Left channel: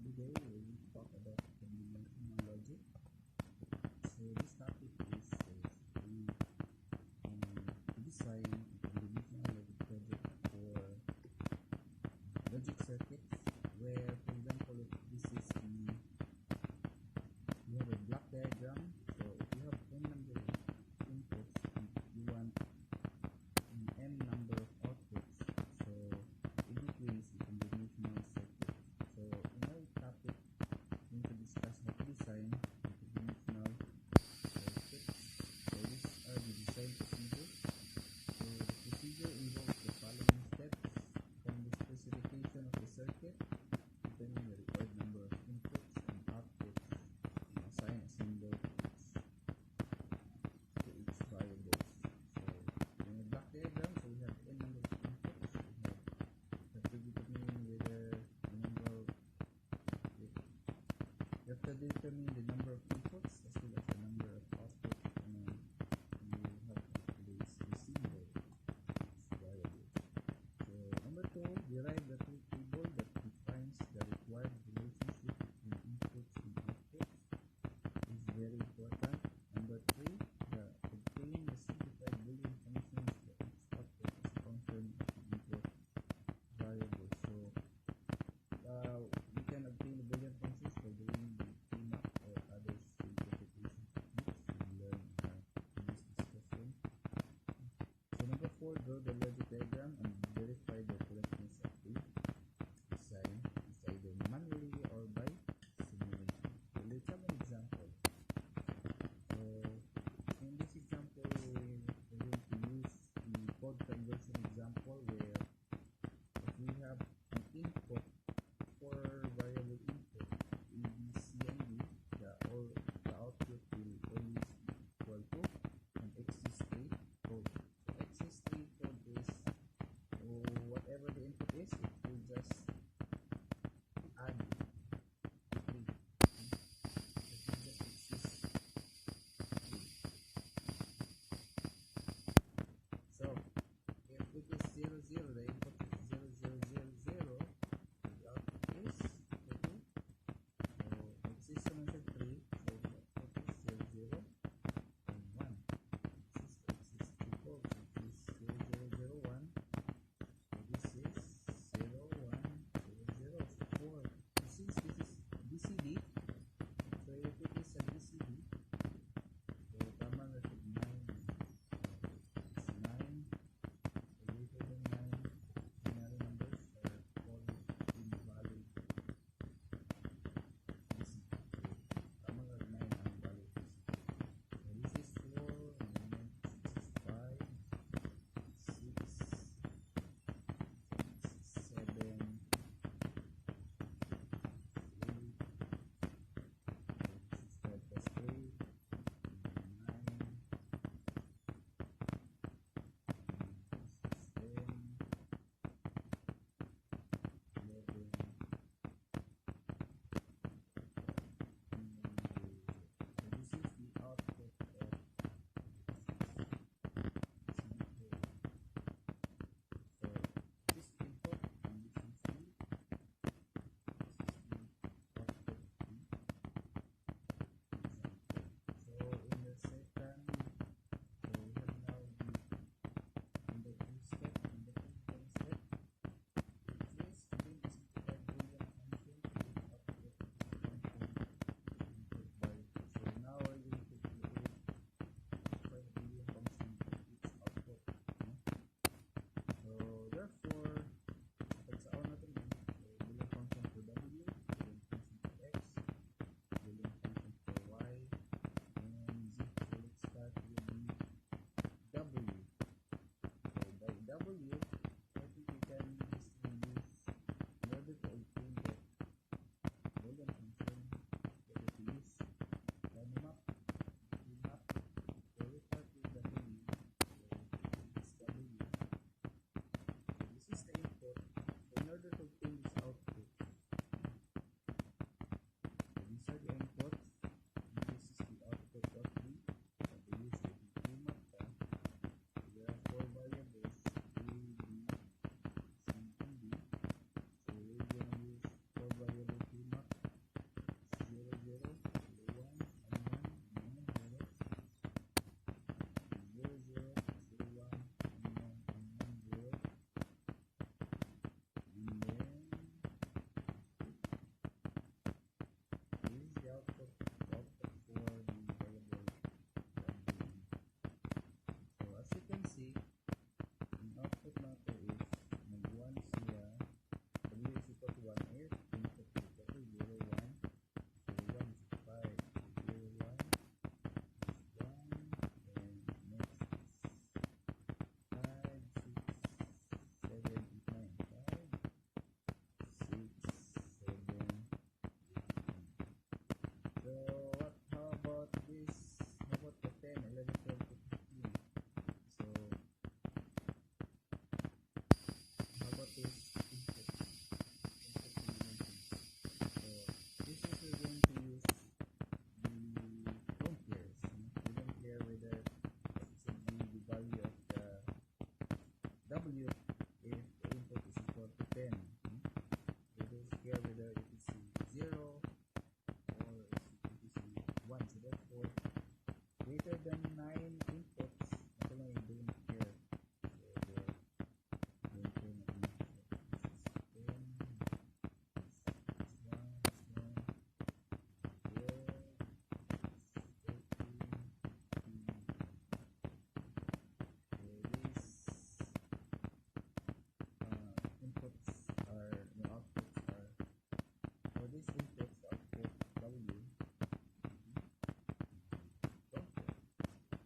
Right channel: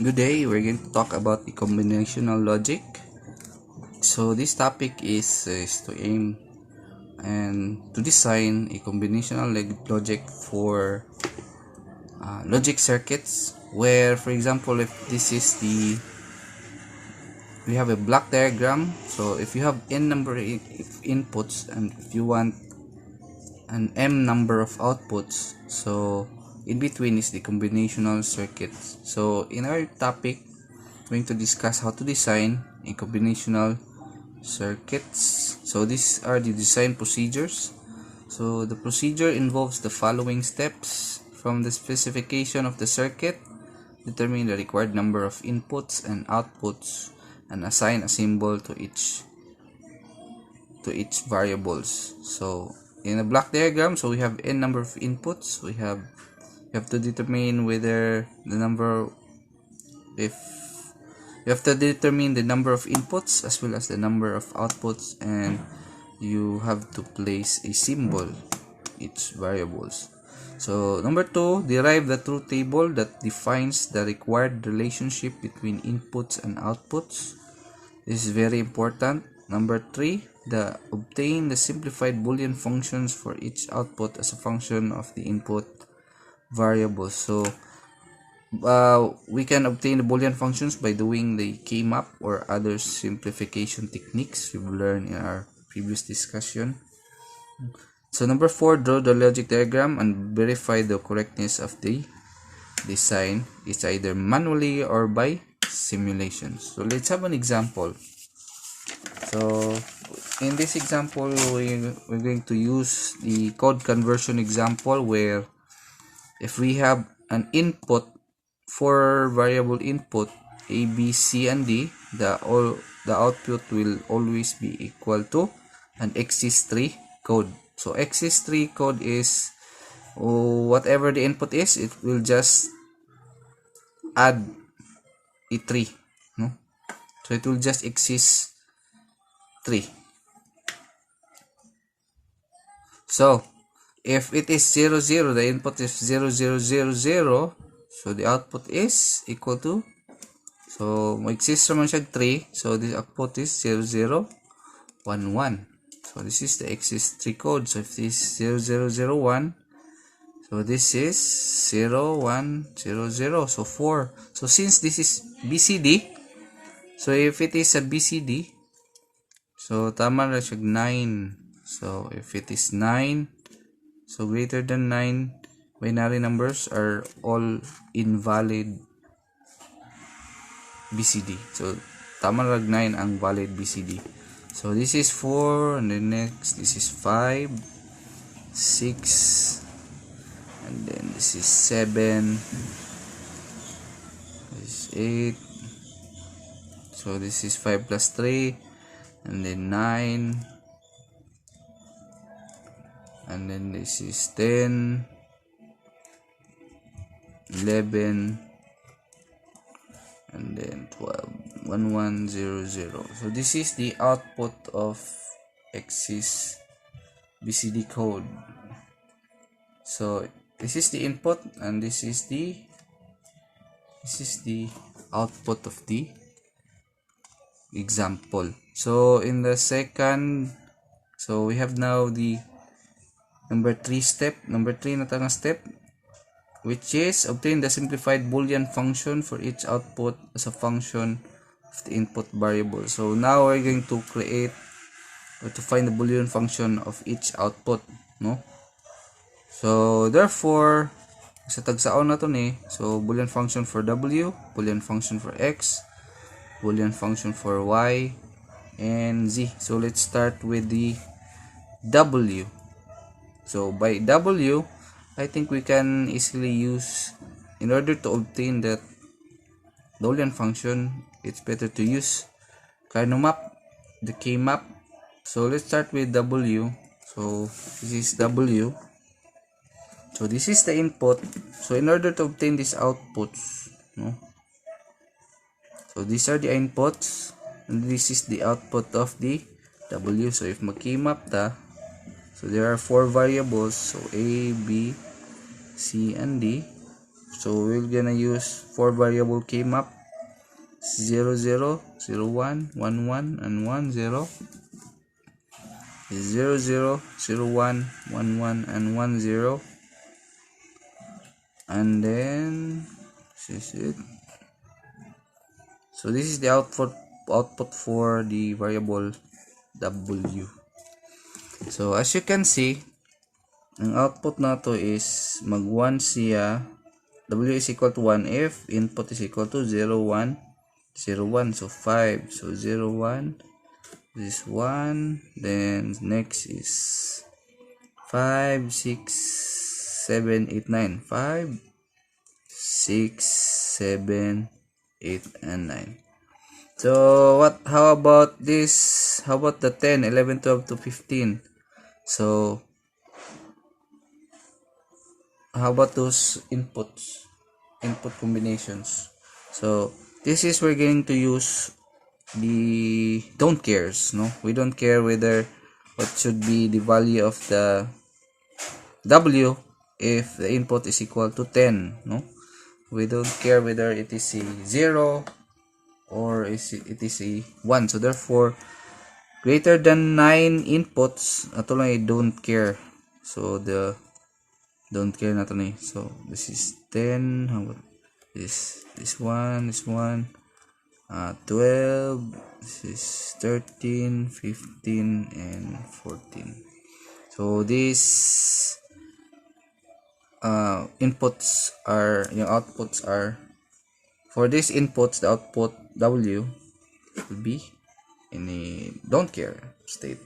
Good day, we're going to talk about the combinational logic. So this topic is to aim and to design a combinational logic for logic circuits where, for example, if this is we have a block diagram. So if you have n number of inputs and if you want an m number of outputs, so in between is the combinational circuits. So in our topic, going to discuss how to design a combinational circuits. So these are the design procedures. So the procedure involves the following steps: from the specification of the circuit, determine the required number of inputs and outputs, and assign a symbol to each variables. So in a block diagram, so we have n number of inputs. We have to determine whether the number, if you have to determine the number of inputs as well as the number of outputs, and you have to place a symbol each variables. So number 2, derive the truth table that defines the required relationship between inputs and outputs. This is very important. Number 3, obtain the simplified Boolean functions for each output as a function of the input variables. So we can obtain the Boolean functions by doing the K-map or other simplification techniques we've learned in our previous discussion. So number 4, draw the logic diagram and verify the correctness of the design. It's either manually or by simulation. So let's have an example. So in this example, we're going to use the code conversion example, where if we have an input, 4 variable input a, b, c, and d, the output will always be equal to an exists3 code. So exists3 code is whatever the input is, it will just add a 3, no? So it will just exist 3. So if it is 0 0, the input is 0 0 0 0, so the output is equal to, so mag-exist naman siya 3, so the output is 0 0 1 1. So this is the exists3 code. So if this is 0 0 0 1, so this is 0 1 0 0, so 4. So since this is BCD, so if it is a BCD, so tama na siya 9. So if it is 9, so greater than 9, binary numbers are all invalid BCD. So tama lang 9 ang valid BCD. So this is 4, and then next this is 5, 6, and then this is 7, this is 8. So this is 5 plus 3, and then 9, and then this is 10, 11, and then 12, 1 1 0 0. So this is the output of exists BCD code. So this is the input, and this is the output of the example. So in the second, so we have now the number 3 step. Number 3 na tanga step, which is obtain the simplified Boolean function for each output as a function of the input variable. So now we're going to create or to find the Boolean function of each output, no? So therefore, sa tagsaon na to ni, so Boolean function for w, Boolean function for x, Boolean function for y, and z. So let's start with the w. So by w, I think we can easily use, in order to obtain that Boolean function, it's better to use map, the K-map. So let's start with w. So this is w. So this is the input. So in order to obtain these outputs, no? So these are the inputs, and this is the output of the w. So if mag-K-map ta, so there are 4 variables, so a, b, c, and d. So we're gonna use 4 variable k map, 0 0 0 1 1 1 and 1 0, 0 0 0 1 1 1 and 1 0, and then this is it. So this is the output for the variable w. So as you can see, ang output na to is mag 1 siya. W is equal to 1 if input is equal to 0 1 0 1, so 5. So 0 1, this 1, then next is 5 6 7 8 9, 5 6 7 8 and 9. So how about this? How about the 10 11 12 to 15? So how about those input combinations? So this is we're going to use the don't cares. No, we don't care whether what should be the value of the w if the input is equal to 10. No, we don't care whether it is a 0 or it is a 1. So therefore greater than 9 inputs, ato lang I don't care. So the don't care na to na. So this is 10. How about this one, 12, this is 13, 15 and 14. So these inputs are, yung outputs are, for these inputs the output w will be in a don't care state.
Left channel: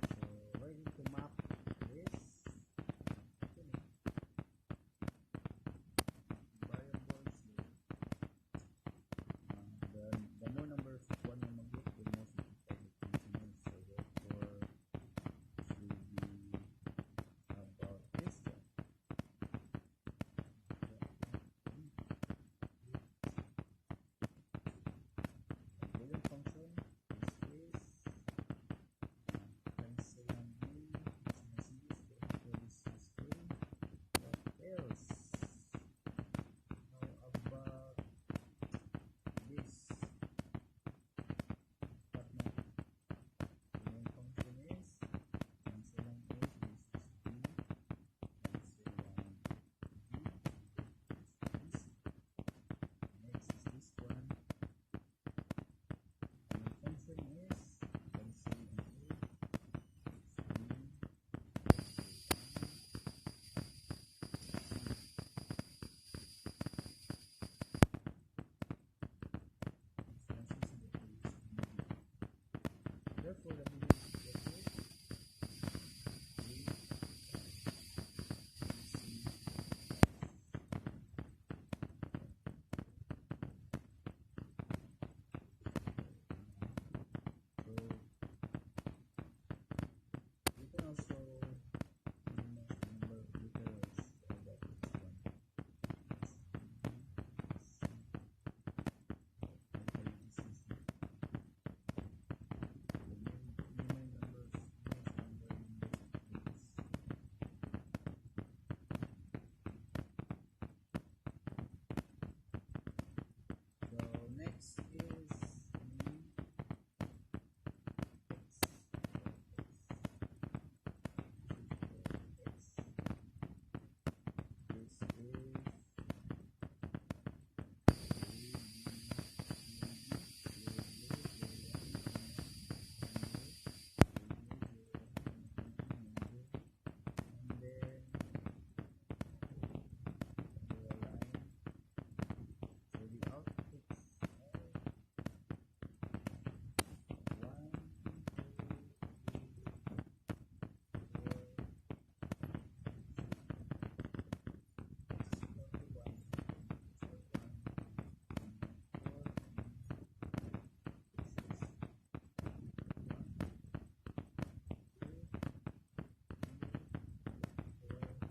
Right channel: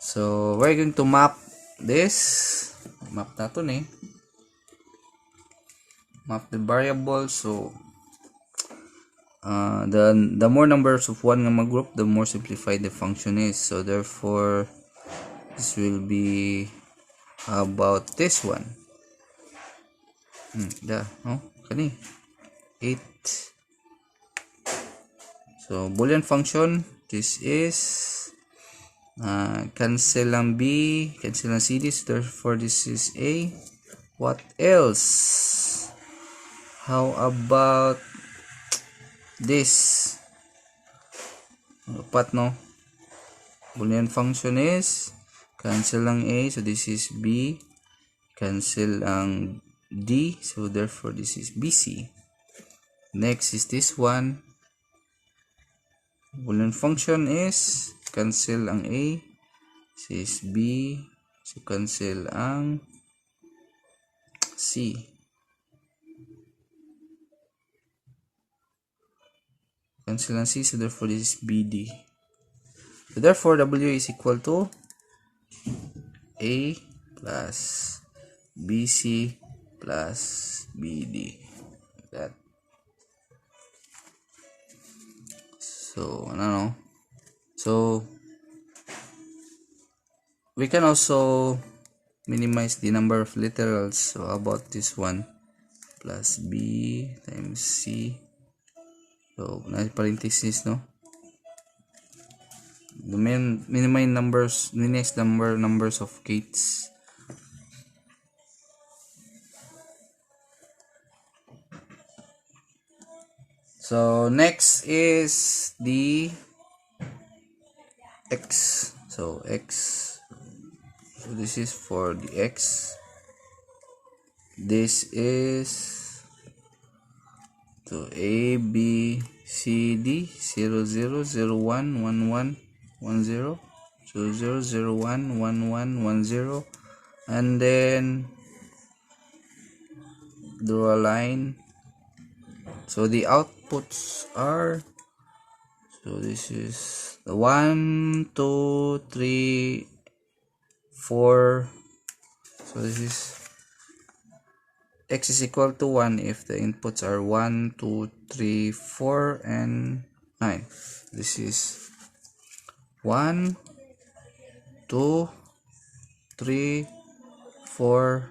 So we're going to map this, map natin map the variable. So the more numbers of one nga mag-group, the more simplified the function is. So therefore this will be about this one. Kani 8. So boolean function, this is cancel ang b, cancel ang c, this therefore this is a. What else? How about this? Dapat no, boolean function is cancel ang a, so this is b, cancel ang d, so therefore this is bc. Next is this one, boolean function is cancel ang a, this is b, so cancel ang c. Cancel ang c, so therefore this is bd. So therefore w is equal to a plus bc plus bd, like that. So so we can also minimize the number of literals. So about this one, plus b times c. So na parenthesis, no, the minimize numbers of gates. So next is the x. So x, so this is for the x. This is so a b c d 0 0 0 1 1 1 1 0 0 0 0 1 1 1 1 0, and then draw a line. So the outputs are, so this is the 1 2 3 4. So this is x is equal to 1 if the inputs are 1 2 3 4 and 9. This is 1 2 3 4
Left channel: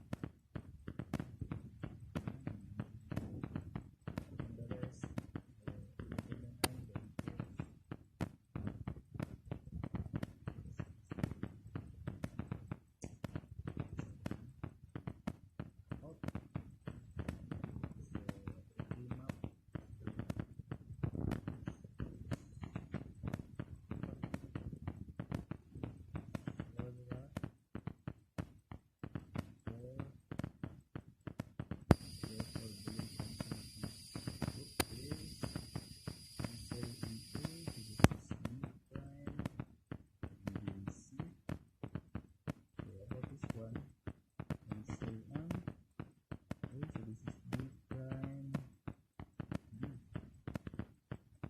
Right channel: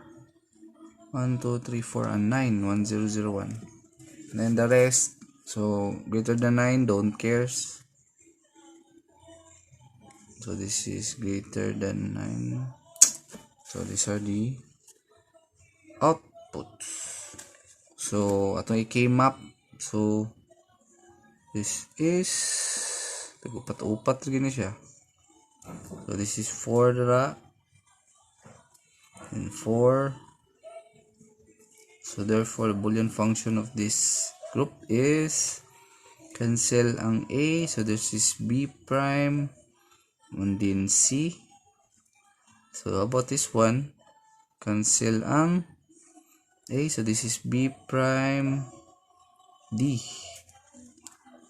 1 2 3 4 and 9, 1 0 0 1. Then the rest, so greater than 9 don't cares. So this is greater than 9. So these are the outputs. So atong i-K-map. So this is upat-upat gini siya. So this is 4 dara and 4. So therefore the Boolean function of this group is cancel ang A. So this is B prime and then C. So about this one, cancel ang A. So this is B prime D.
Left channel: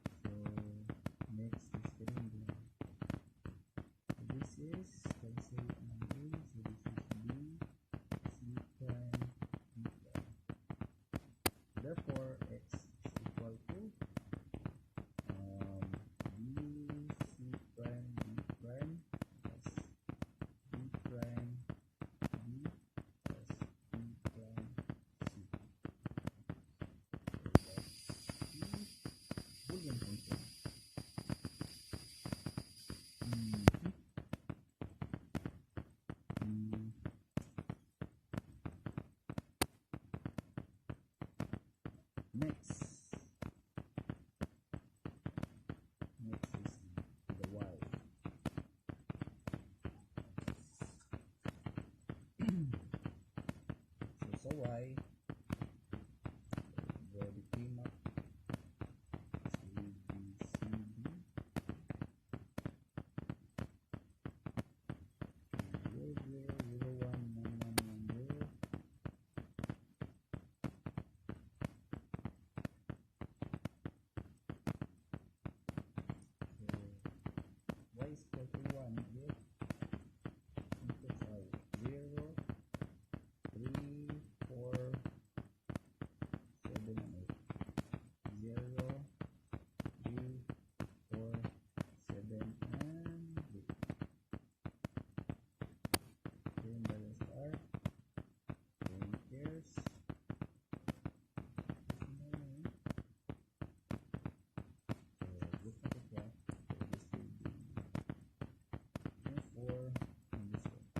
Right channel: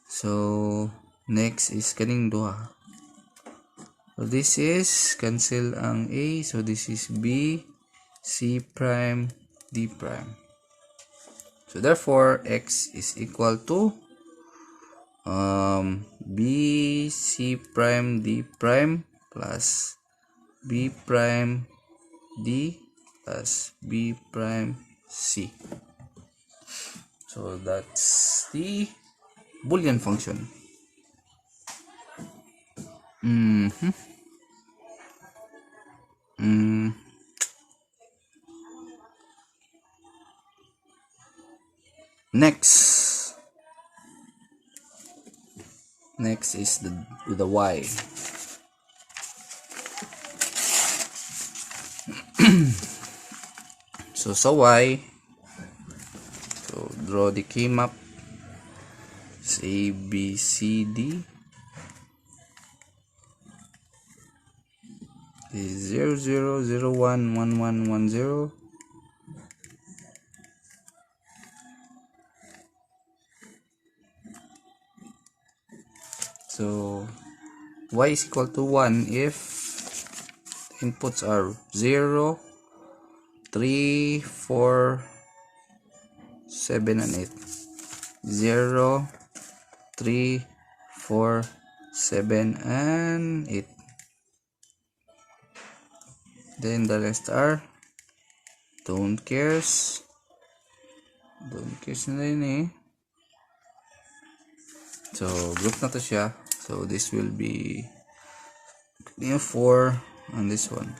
So next is kaning duha. So this is cancel ang A. So this is B, C prime, D prime. So therefore X is equal to B, C prime, D prime plus B prime, D plus B prime, C. So that's the Boolean function. Next is the Y. So sa Y, so draw the K-map. It's A, B, C, D. Is 0, 0, 0, 1, 1, 1, 1, 0. So Y is equal to 1 if inputs are 0, 3, 4, 7, and 8. 0, 3, 4, 7, and 8. Then the rest are don't cares na rin eh. So group na to siya. So this will be 4 and this one.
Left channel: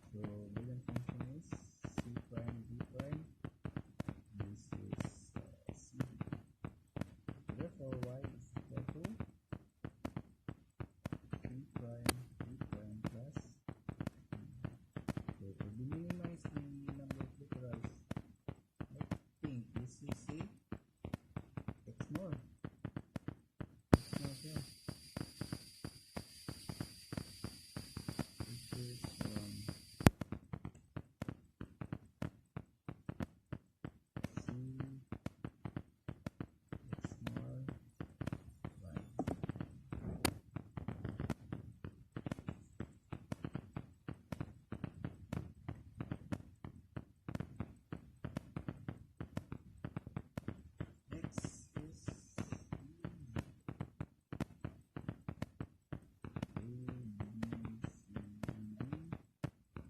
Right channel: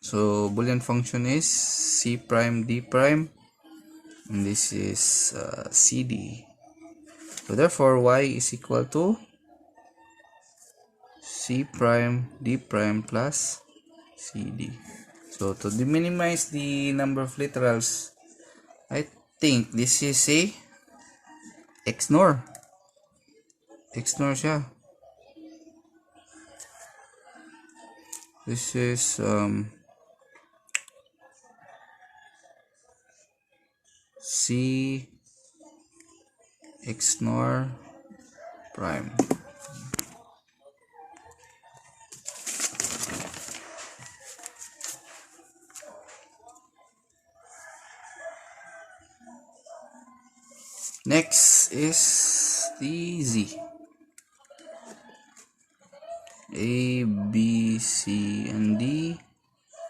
So Boolean function is C prime D prime, and this is CD. So therefore Y is equal to C prime D prime plus CD. So to minimize the number of literals, I think this is a XNOR. XNOR siya. This is C XNOR prime. Next is the Z. A, B, C, and D.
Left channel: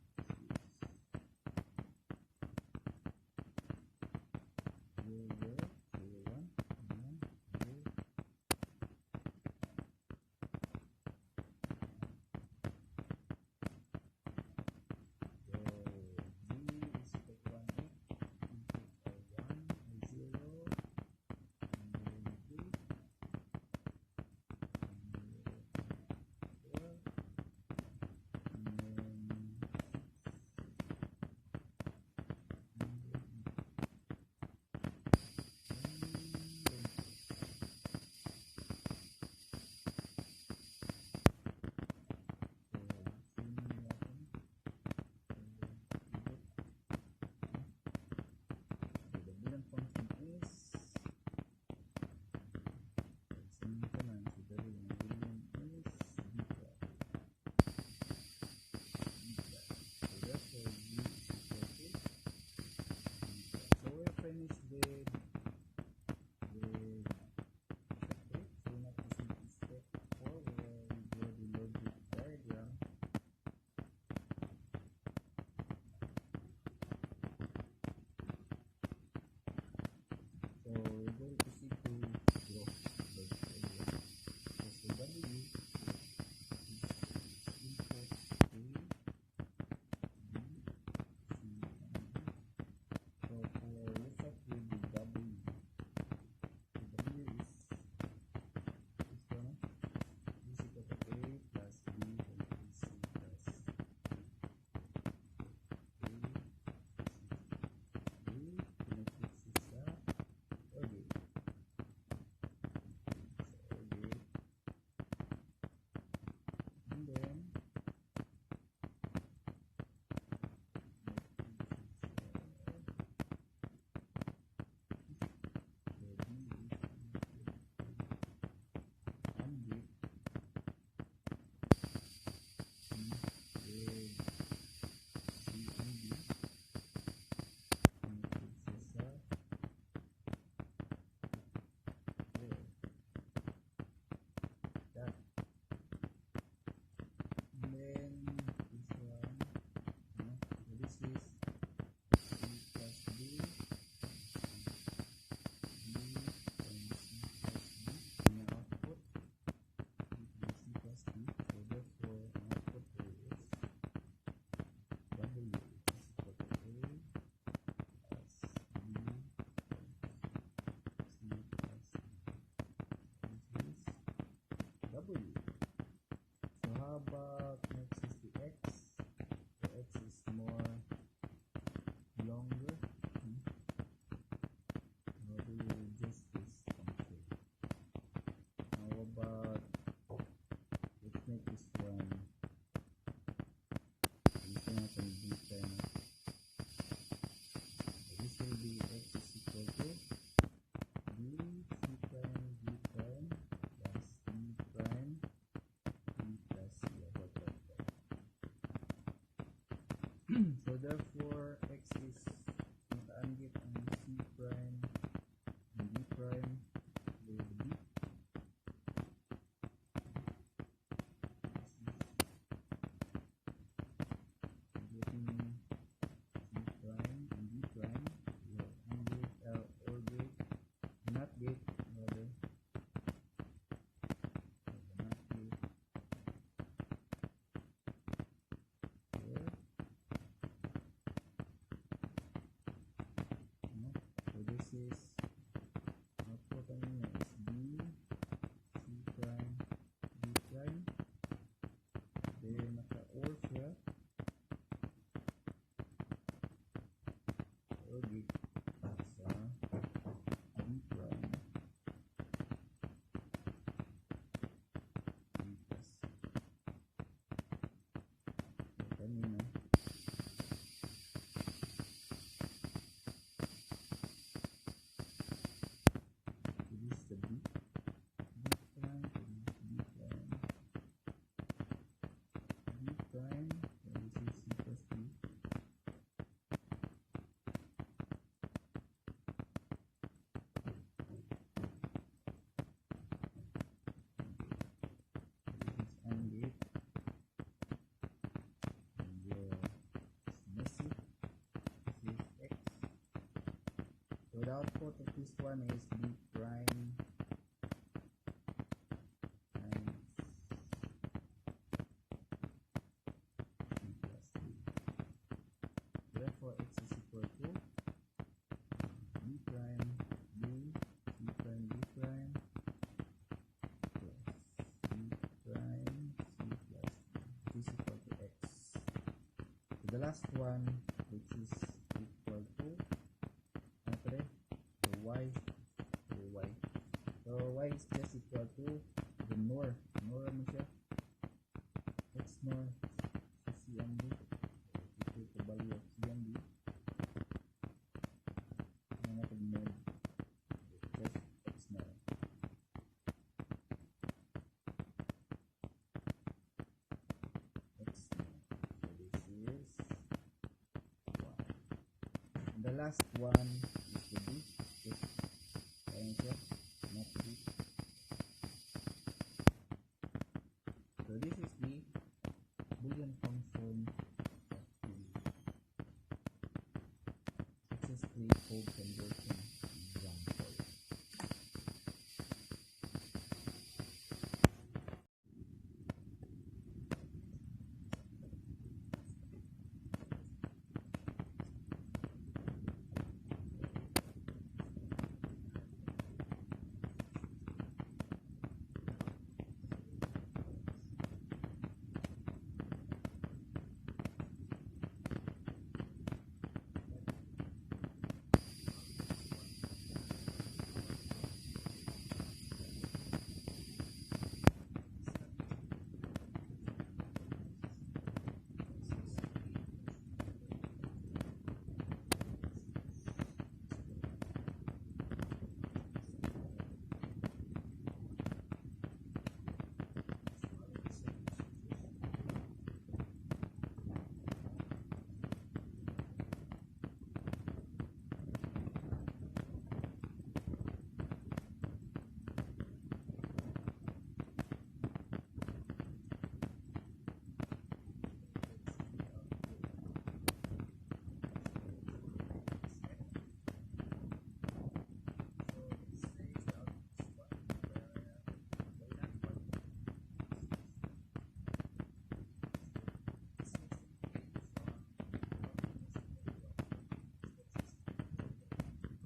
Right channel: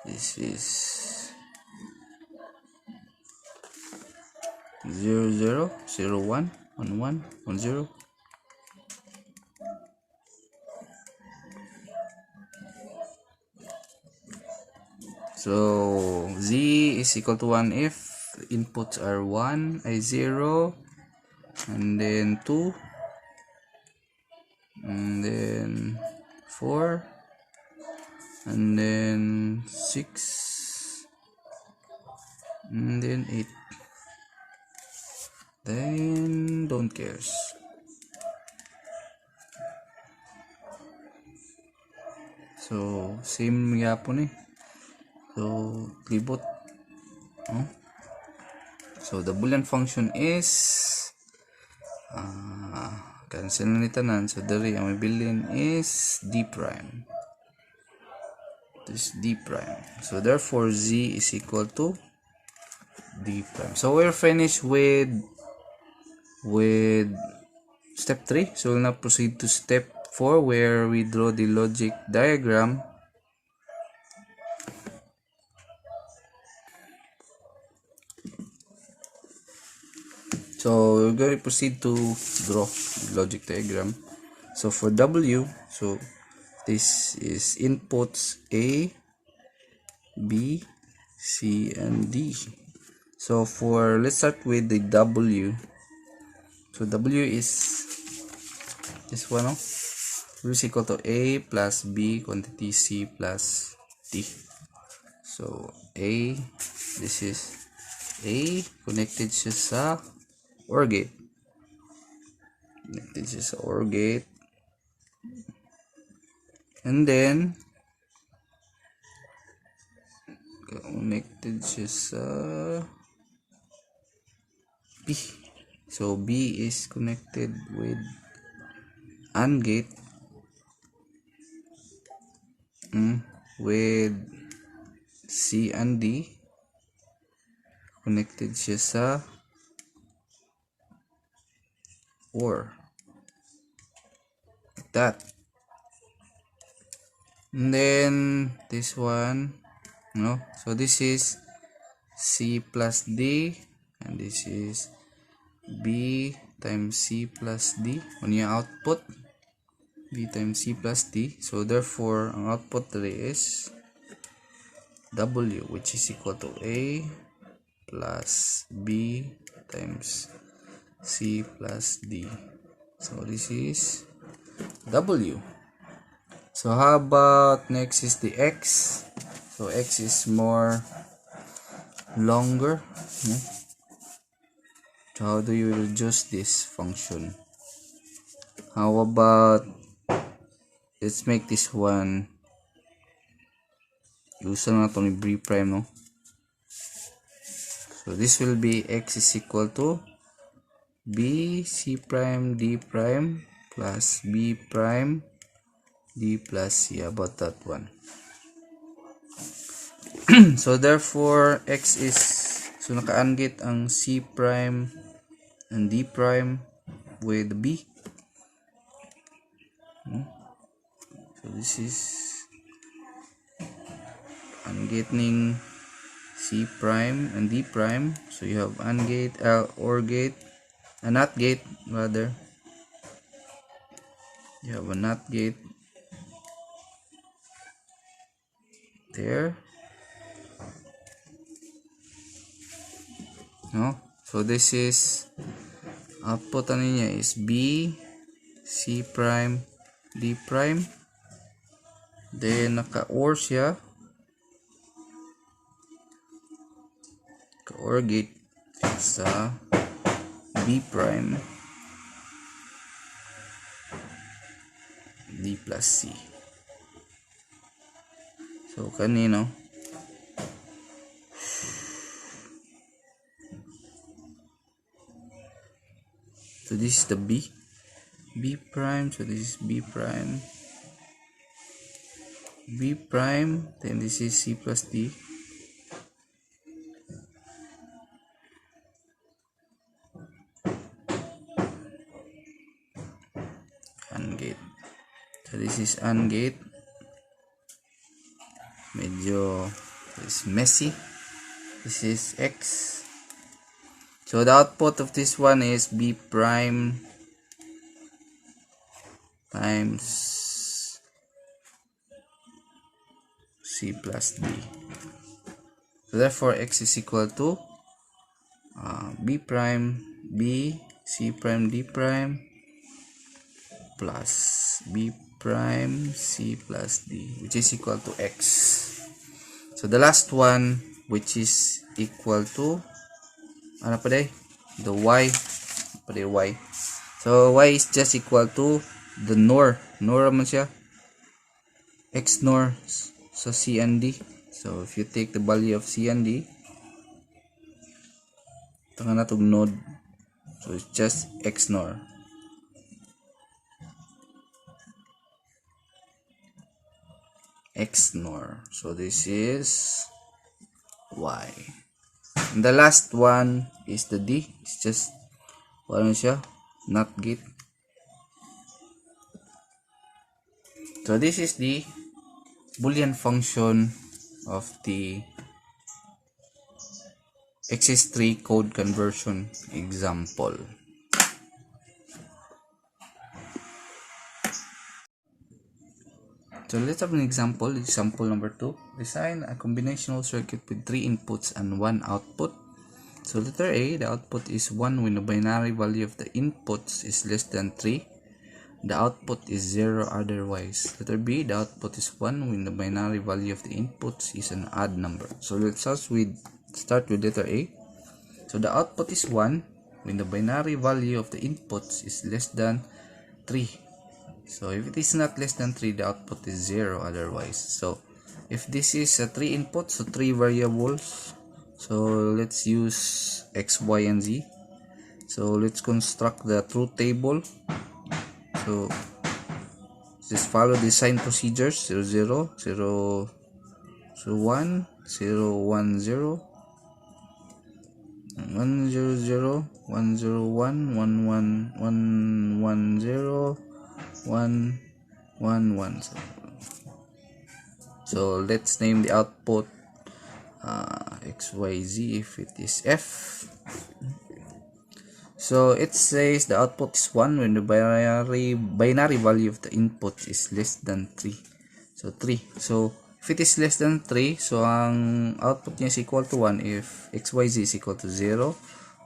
This is 0, 0, 0, 1, 1, 1, 1, 0. So Z is equal to 1 if inputs are 1, 0, and then 2, and then 4, and then 6, and then 8. Then don't cares. So same yapon eh. So libot. So the Boolean function is cancel na ni tanan. So dari ang bilin is D prime. This D prime. So therefore Z is equal to D prime. So we're finished with step 3. So we'll now proceed to step 4 where we draw the logic diagram. So we're going to proceed to draw the logic diagram. So for W, so this is inputs A, B, C, and D. So let's start with the W. So W is this one, no? W is equal to A plus B quantity C plus D. So A, this is A, connected siya sa OR gate. Connected siya sa OR gate. And then connected siya sa B. So B is connected with AND gate with C and D. Connected siya sa OR. Like that. And then this one, no? So this is C plus D, and this is B times C plus D on your output. B times C plus D. So therefore, ang output today is W, which is equal to A plus B times C plus D. So this is W. So how about next is the X? So X is more longer. Yeah. So how do you reduce this function? How about, let's make this one, use na ito ni B prime, no? So this will be X is equal to B C prime D prime plus B prime D plus C. About that one. So therefore X is, so naka-AND ang C prime and D prime with B. So this is AND gate ning C prime and D prime. So you have AND gate, OR gate, a NOT gate rather. You have a NOT gate there. No? So this is output niya is B C prime D prime. Then naka-OR siya. Naka-OR gate sa B prime D plus C. So kanino? So this is the B prime. So this is B prime, then this is C plus D. AND gate. So this is AND gate. Medyo is messy. This is X. So the output of this one is B prime times C plus D. So therefore X is equal to B prime B C prime D prime plus B prime C plus D, which is equal to X. So the last one, which is equal to ano pa day? The Y pa day, Y. So Y is just equal to the NOR naman siya, X NOR sa C and D. So if you take the value of C and D, ito nga natong node, so it's just X NOR. X NOR. So this is Y. And the last one is the D. It's just ano siya, NOT gate. So this is the Boolean function of the XS3 code conversion example. So let's have an example. Example number 2. Design a combinational circuit with 3 inputs and 1 output. So letter A, the output is 1 when the binary value of the inputs is less than 3. The output is 0 otherwise. Letter B, the output is 1 when the binary value of the inputs is an odd number. So let's start with letter A. So the output is 1 when the binary value of the inputs is less than 3. So if it is not less than 3, the output is 0 otherwise. So if this is a 3 inputs, so 3 variables, so let's use x, y, and z. So let's construct the truth table. So just follow the sign procedures: 0 0 0 0 1 0 1 0 1 0 0 1 0 1 1 1 1 1 0 1 1 1. So let's name the output XYZ if it is F. So it says the output is 1 when the binary value of the input is less than 3. So 3. So if it is less than 3, so ang output niya is equal to 1 if XYZ is equal to 0,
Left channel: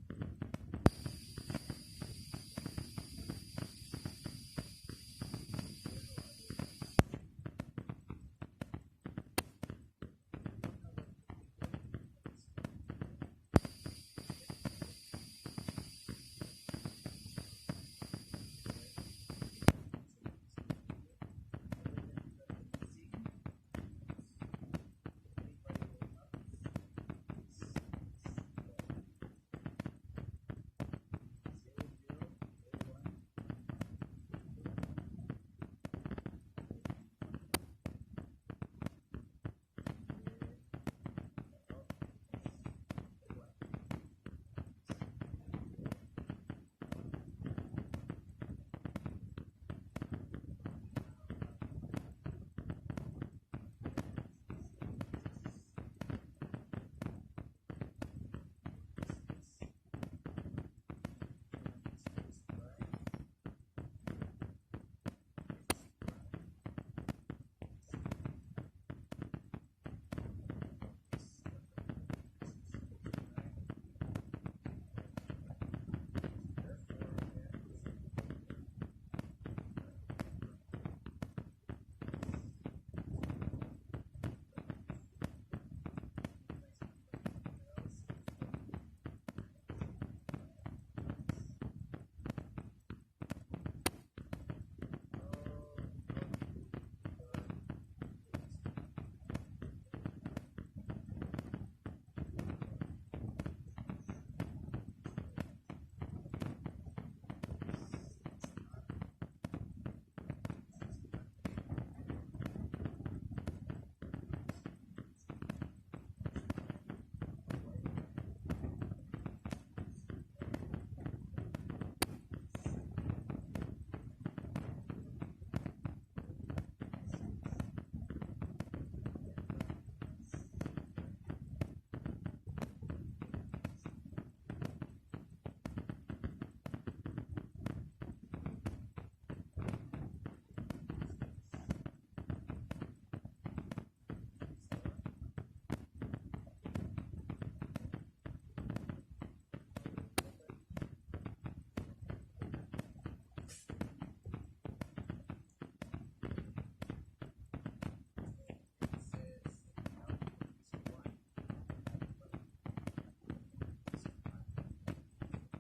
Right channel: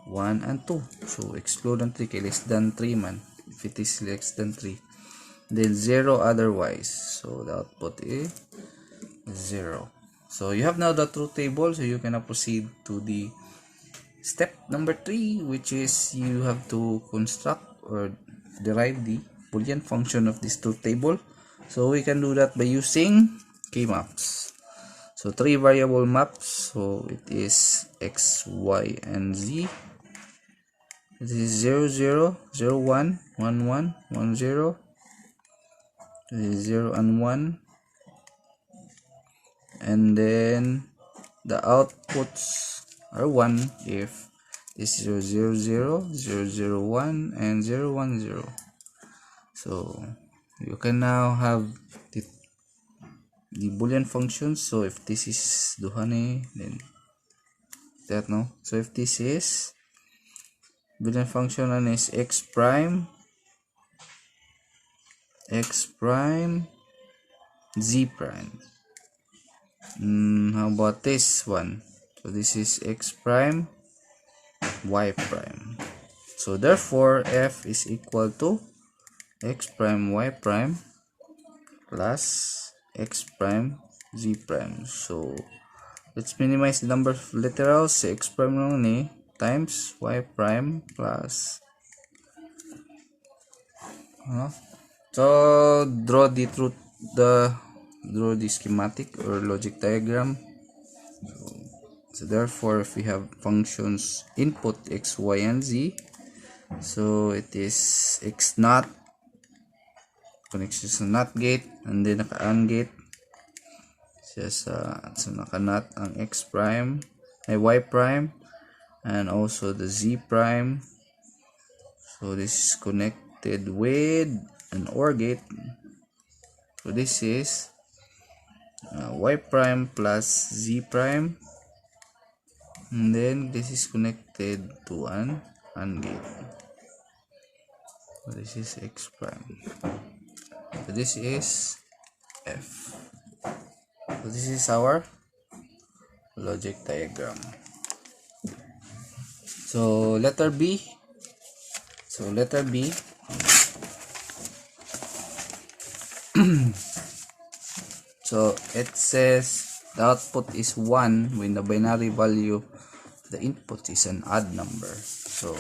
1, and 2. So exclude ang 3 kay less than 3 man. If it is less than 3. Then 0 otherwise. So the output is 0. So you have now the truth table, so you can now proceed to the step number 3, which is you have to construct or derive the Boolean function of this truth table. So we can do that by using k-maps. So 3 variable maps, so it is x, y, and z. It is 0 0 0 1 1 1 1 0. It is 0 and 1. And then the outputs are 1 if it's 0 0 0 0 0 1 and 0 1 0. So you can now have the Boolean functions. So if this is duhane, then that no. So if this is Boolean function and is x prime z prime. How about this one? So this is x prime y prime. So therefore f is equal to x prime y prime plus x prime z prime. So let's minimize the number of literals. X prime lang ni times y prime plus so draw the schematic or logic diagram. So therefore if we have functions input x, y, and z, so it is x naught connections to NOT gate, and then naka AND gate. So naka NOT ang x prime ay y prime and also the z prime. So this is connected with an OR gate. So this is y prime plus z prime, and then this is connected to an AND gate. So this is x prime. So this is f. So this is our logic diagram. So letter B. So it says the output is 1 when the binary value of the input is an odd number. So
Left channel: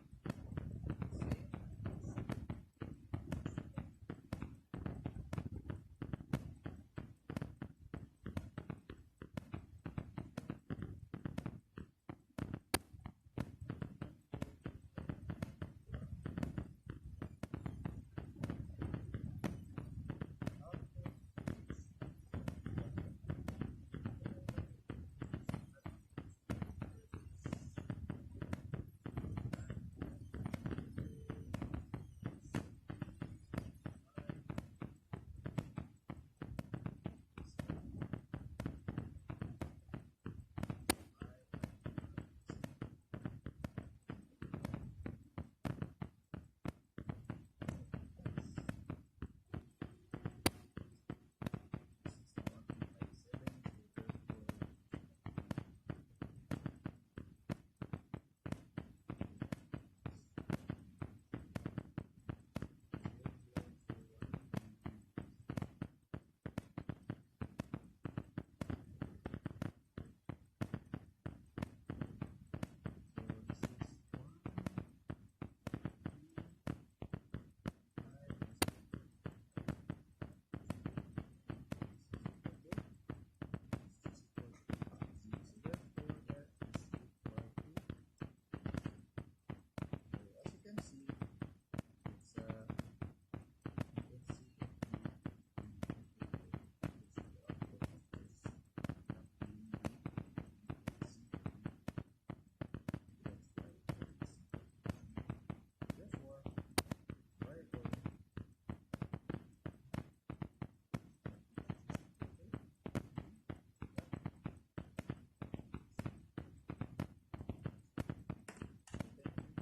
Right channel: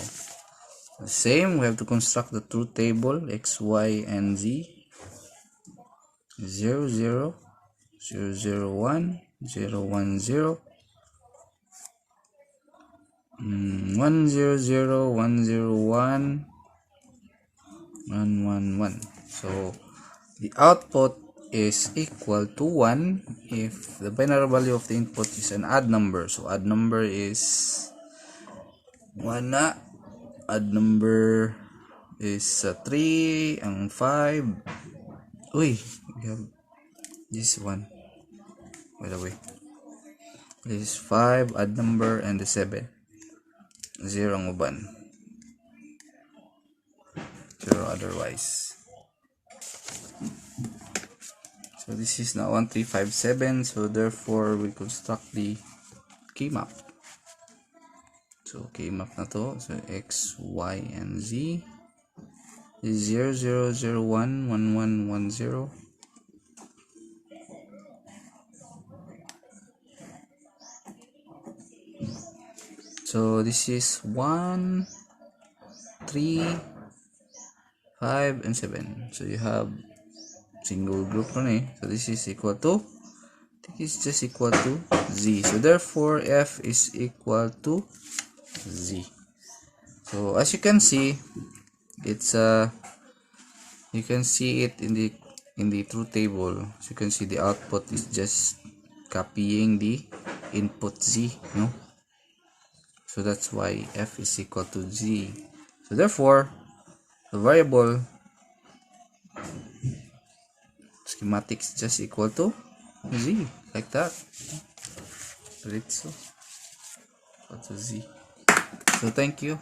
the same, we have to construct the truth table x, y, and z. 0 0 0 0 1 0 1 0 1 0 0 1 0 1 1 1 1. So the output is equal to 1 if the binary value of the input is an odd number. So odd number is 1 na. Odd number is 3 and 5. Uy, we have this one. By the way, this is 5 odd number and the 7. 0 ang uban. 0 otherwise. So this is now 1 3 5 7. So therefore we construct the key map. So i-map na to. So x, y, and z is 0, 0, 0, 1, 1, 1, 1, 0. So this is 1, 3, 5, and 7. So you have single group na So this is equal to, I think it's just equal to z. So therefore f is equal to z. So as you can see, it's you can see it in the truth table. So you can see the output is just copying the input z, so that's why f is equal to z. So therefore the variable schematics just equal to z, like that. So it's equal to z. So thank you.